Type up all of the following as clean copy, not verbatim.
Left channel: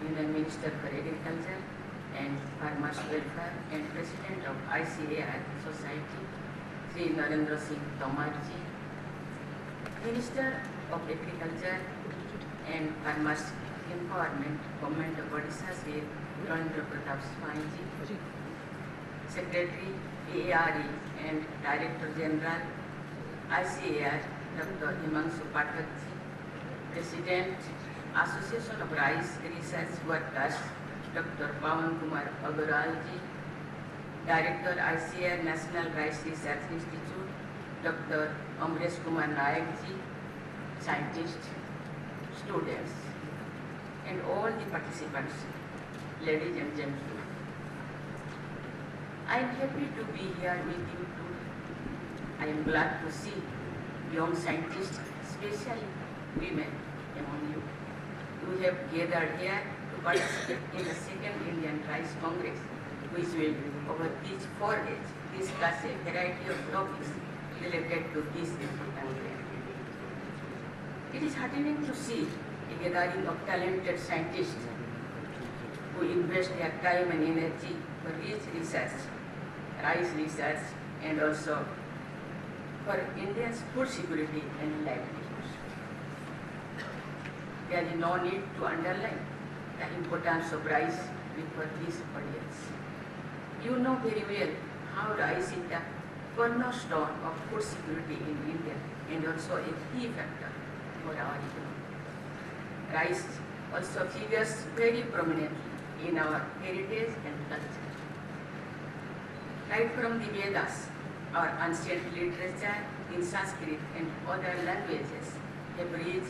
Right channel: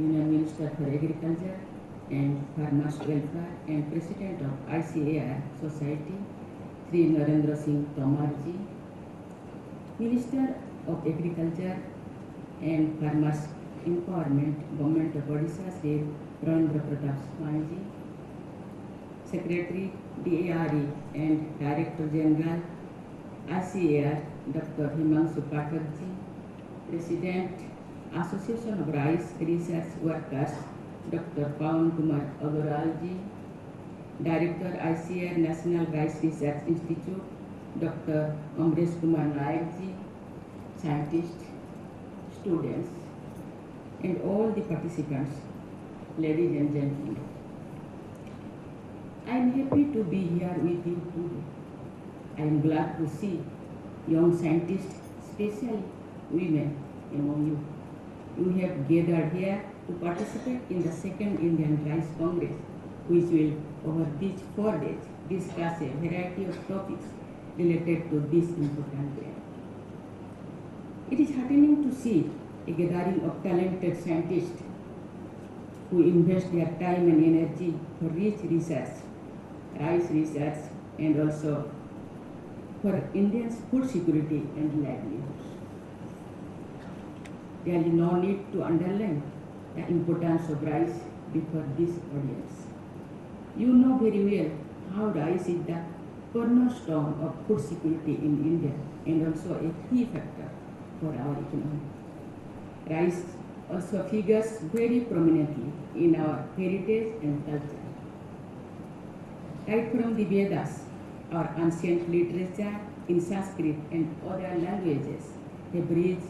Union Minister for Agriculture and Farmers Welfare and President of ICAR Society, Sri Narendra Singh Tomar ji, Minister of Agriculture and Farmers Empowerment, Government of Odisha, Sri Ravindra Pratap Swami ji, Secretary DARE and Director General ICAR, Dr. Himanshu Pathak ji, President Association of Rice Research Workers, Dr. Pawan Kumar Agarwal ji, Director ICAR-National Rice Research Institute, Dr. Amresh Kumar Nayak ji, scientists, students, and all the participants, ladies and gentlemen. I am happy to be here with you today. I am glad to see young scientists, especially women among you. You have gathered here to participate in the second Indian Rice Congress, which will, over these 4 days, discuss a variety of topics related to this important area. It is heartening to see a gathering of talented scientists who invest their time and energy for rich research, rice research, and also for India's food security and livelihoods. There is no need to underline the importance of rice before this audience. You know very well how rice is the cornerstone of food security in India and also a key factor for our economy. Rice also figures very prominently in our heritage and culture. Right from the Vedas, our ancient literature in Sanskrit and other languages have rich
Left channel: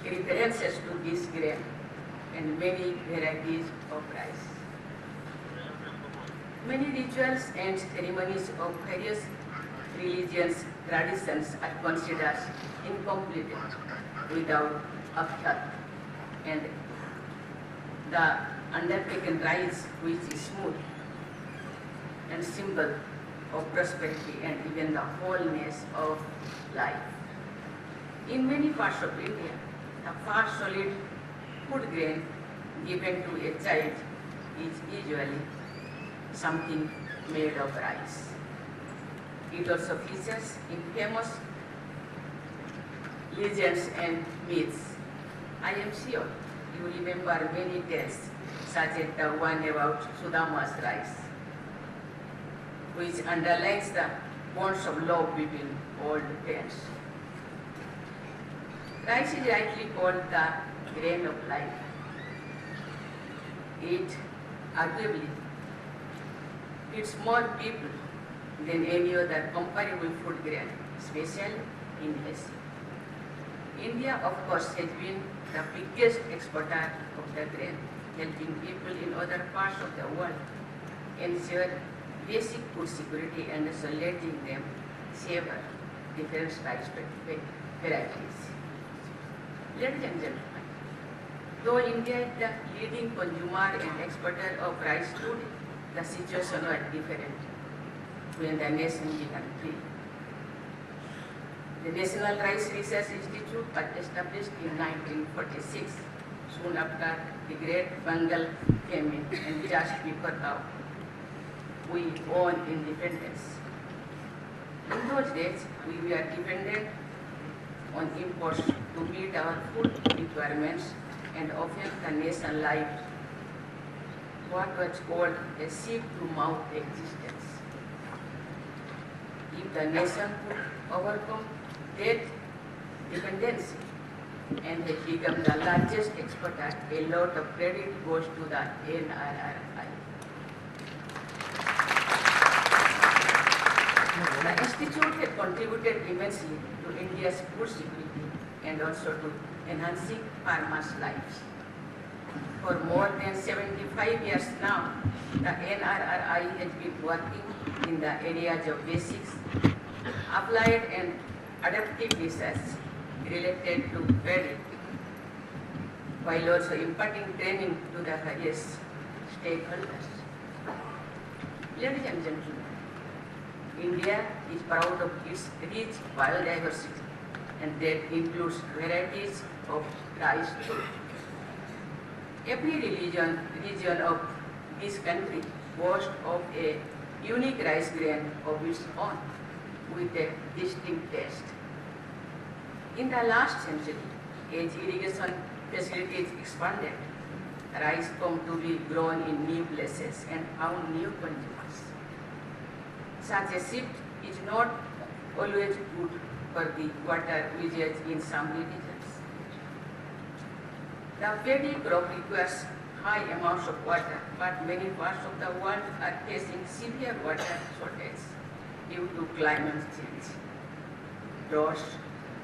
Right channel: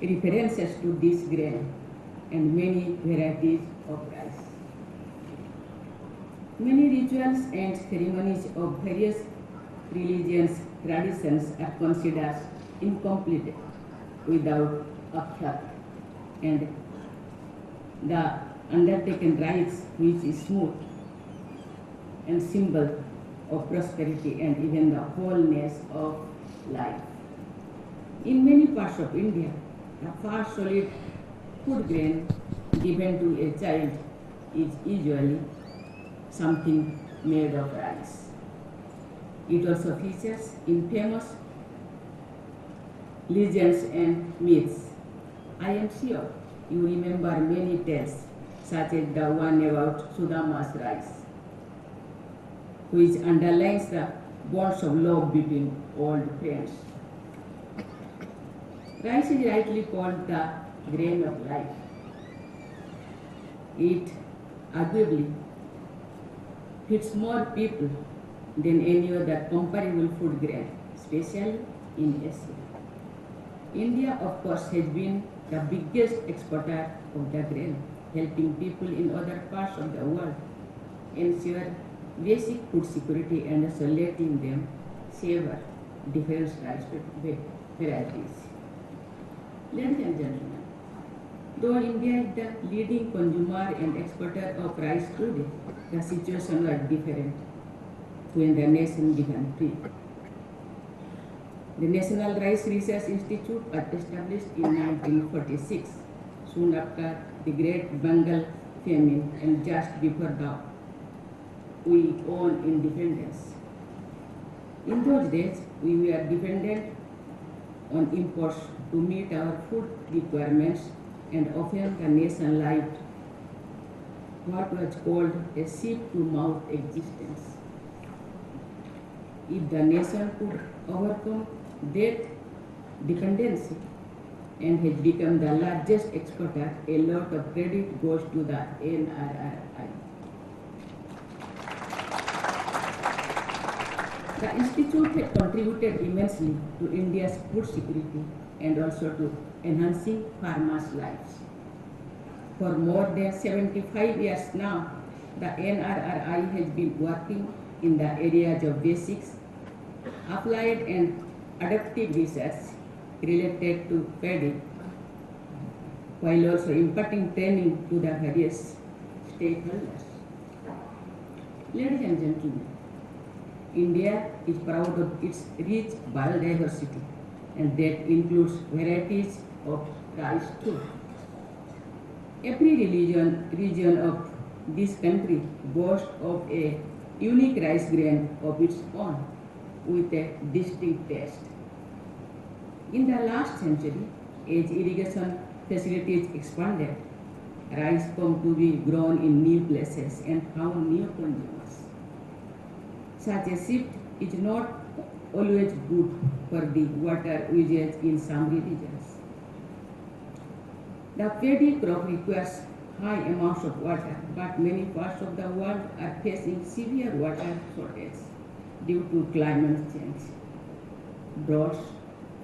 references to this grain and many varieties of rice. Many rituals and ceremonies of various religions traditions are considered incomplete without akshat, and the undertaken rites, which is smooth and symbol of prosperity and even the wholeness of life. In many parts of India, the first solid food grain given to a child is usually something made of rice. It also features in famous legends and myths. I am sure you remember many tales, such as the one about Sudama's rice, which underlines the bonds of love between old friends. Rice is rightly called the grain of life. It arguably feeds more people than any other comparable food grain, especially in Asia. India, of course, has been the biggest exporter of the grain, helping people in other parts of the world ensure basic food security and also letting them savor different rice varieties. Ladies and gentlemen, though India is the leading consumer and exporter of rice today, the situation was different when the nation began free. The National Rice Research Institute was established in 1946, soon after the Great Bengal famine and just before we won independence. In those days, we were dependent on imports to meet our food requirements, and often the nation lived what was called a sheep-to-mouth existence. If the nation could overcome that dependency and has become the largest exporter, a lot of credit goes to the NRRI. The Institute has contributed immensely to India's food security and also to enhancing farmers' lives. For more than 75 years now, the NRRI has been working in the areas of basics, applied and adaptive research related to paddy, while also imparting training to the various stakeholders. Ladies and gentlemen, India is proud of its rich biodiversity, and that includes varieties of rice too. Every region of this country boasts of a unique rice grain of its own with a distinct taste. In the last century, as irrigation facilities expanded, rice come to be grown in new places and found new consumers. Such a shift is not always good for the water usage in some regions. The paddy crop requires high amounts of water, but many parts of the world are facing severe water shortage due to climate change. Droughts,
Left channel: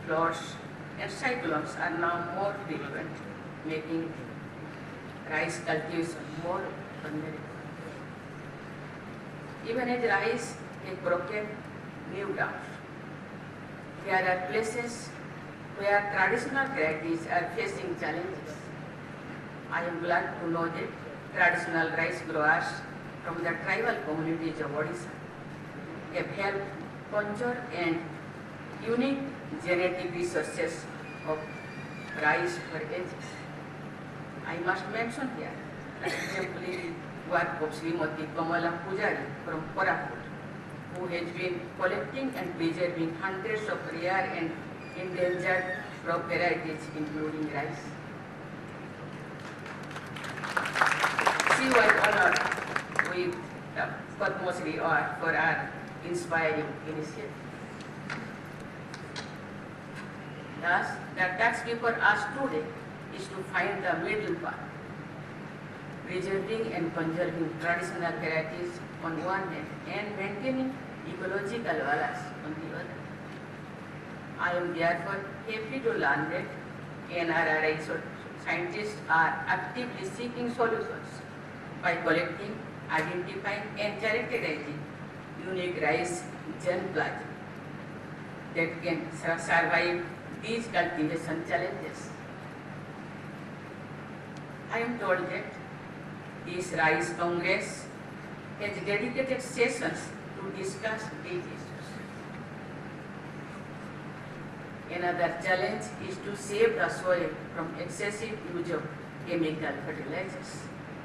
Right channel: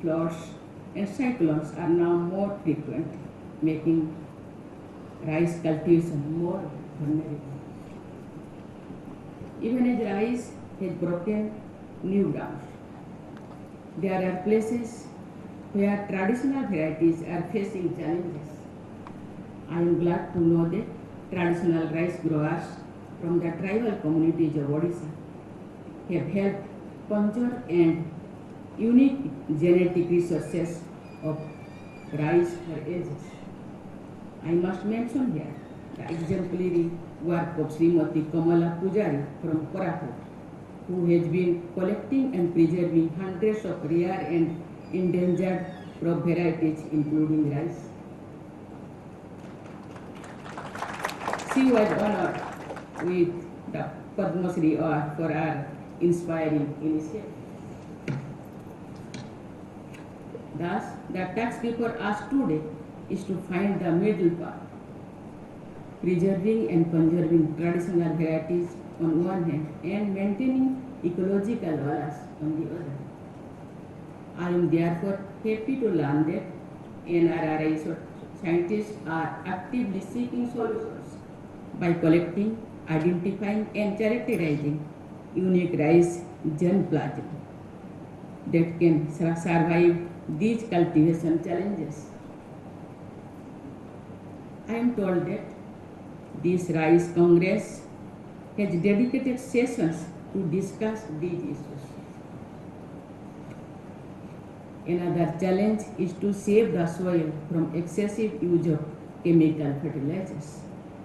floods, and cyclones are now more frequent, making rice cultivation more vulnerable. Even as rice has broken new ground, there are places where traditional varieties are facing challenges. I am glad to know that traditional rice growers from the tribal communities of Odisha have helped conserve and unique genetic resources of rice for ages. I must mention here the exemplary work of Srimati Kamala Pujari from Koraput, who has been collecting and preserving hundreds of rare and endangered crop varieties, including rice. She was honored with the Padma Shri Award for her inspiring initiative. Thus, the task before us today is to find the middle path, preserving and conserving traditional varieties on one hand and maintaining ecological balance on the other. I am therefore happy to learn that NRRI scientists are actively seeking solutions by collecting, identifying, and characterizing unique rice germplasm that can survive these cultivation challenges. I am told that this Rice Congress has dedicated sessions to discuss these issues. Another challenge is to save the soil from excessive use of chemical fertilizers,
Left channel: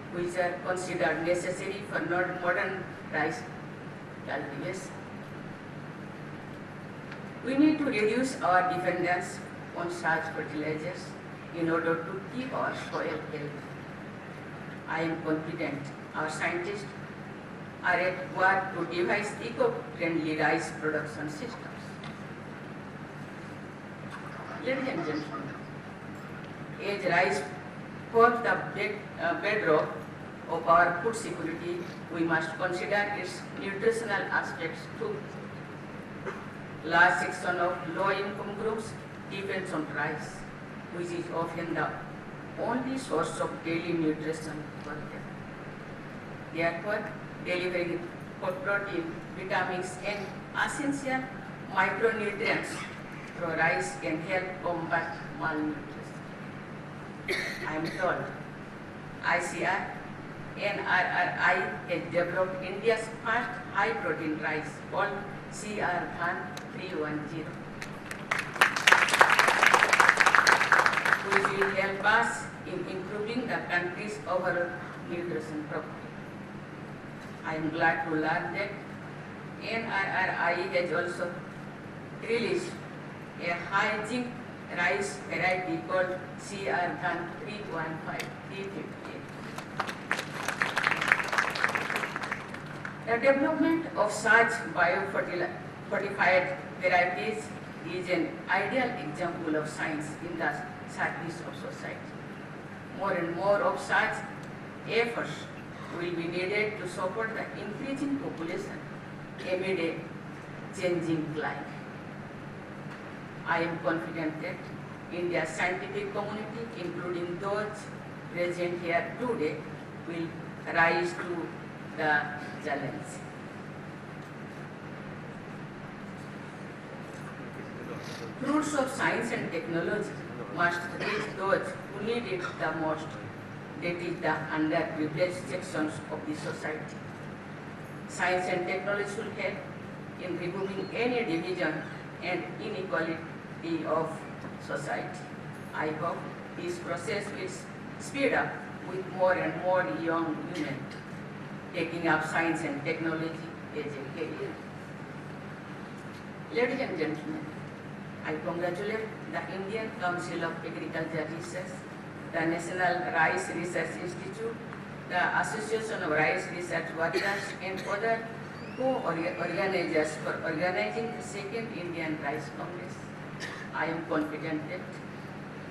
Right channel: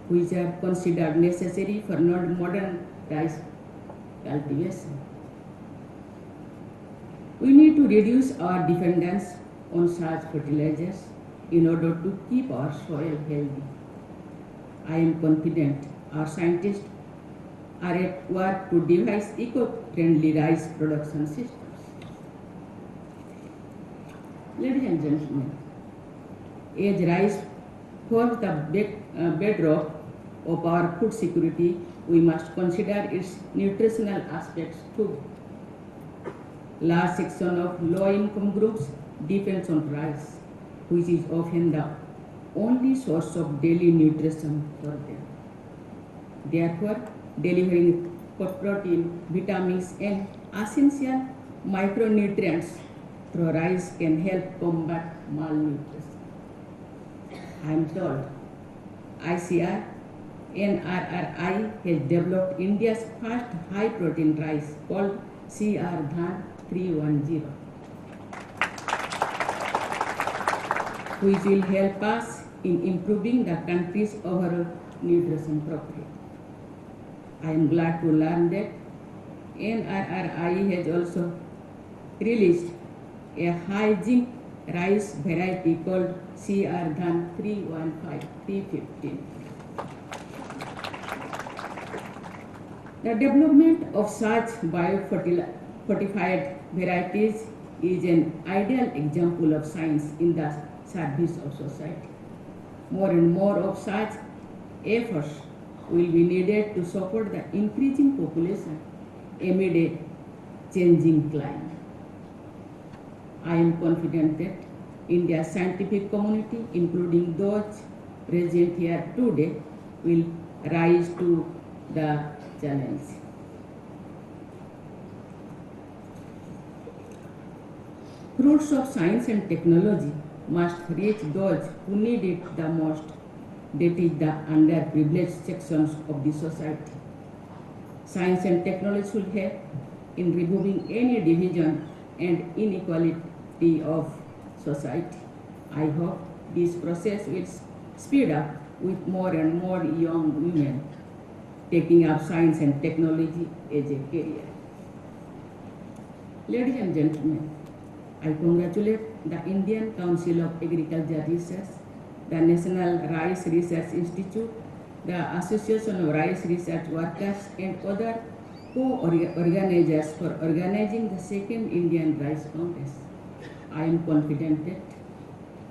which are considered necessary for modern rice cultivation. We need to reduce our dependence on such fertilizers in order to keep our soil healthy. I am confident our scientists are at work to devise eco-friendly rice production systems. Ladies and gentlemen, as rice forms the bedrock of our food security, we must consider its nutritional aspects too. Large section of low-income groups depends on rice, which is often the only source of daily nutrition for them. Therefore, delivering protein, vitamins, and essential micronutrients through rice can help combat malnutrition. I am told ICAR-National has developed India's first high-protein rice called CR-310, which will help us in improving the country's overall nutrition profile. I am glad to learn that NRRI has also released a high-zinc rice variety called CR-315. The development of such biofortified varieties is an ideal example of science in the service of society. More and more of such efforts will be needed to support the increasing population amid a changing climate. I am confident that India's scientific community, including those present here today, will rise to the challenge. Fruits of science and technology must reach those who need it the most, that is the underprivileged sections of the society. Science and technology should help in removing any division and inequality of society. I hope this process will speed up with more and more young women taking up science and technology as a career. Ladies and gentlemen, I congratulate the Indian Council of Agriculture Research, the National Rice Research Institute, the Association of Rice Research Workers, and other co-organizers for organizing the second Indian Rice Congress. I am confident that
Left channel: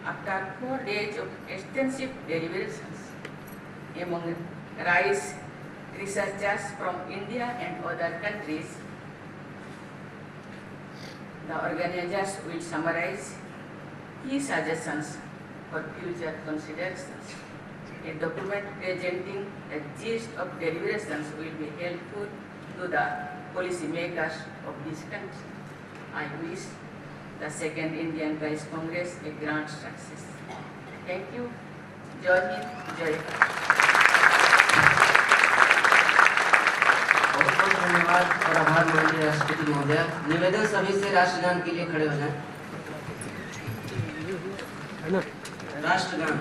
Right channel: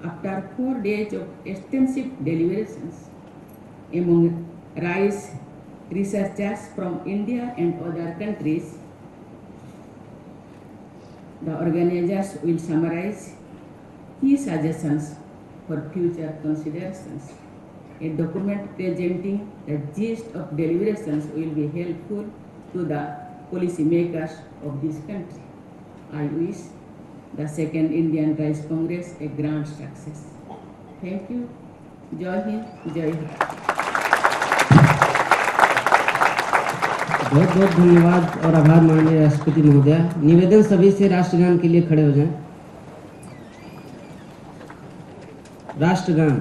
after 4 days of extensive deliberations among rice researchers from India and other countries, the organizers will summarize key suggestions for future considerations. A document presenting the gist of deliberations will be helpful to the policymakers of this country. I wish the second Indian Rice Congress a grand success. Thank you. Jai Hind, Jai Hind. बहुत बहुत धन्यवाद और आभार माननीय राष्ट्रपति महोदया। निवेदन सभी से राष्ट्रगान के लिए खड़े हो जाएं। राष्ट्रगान।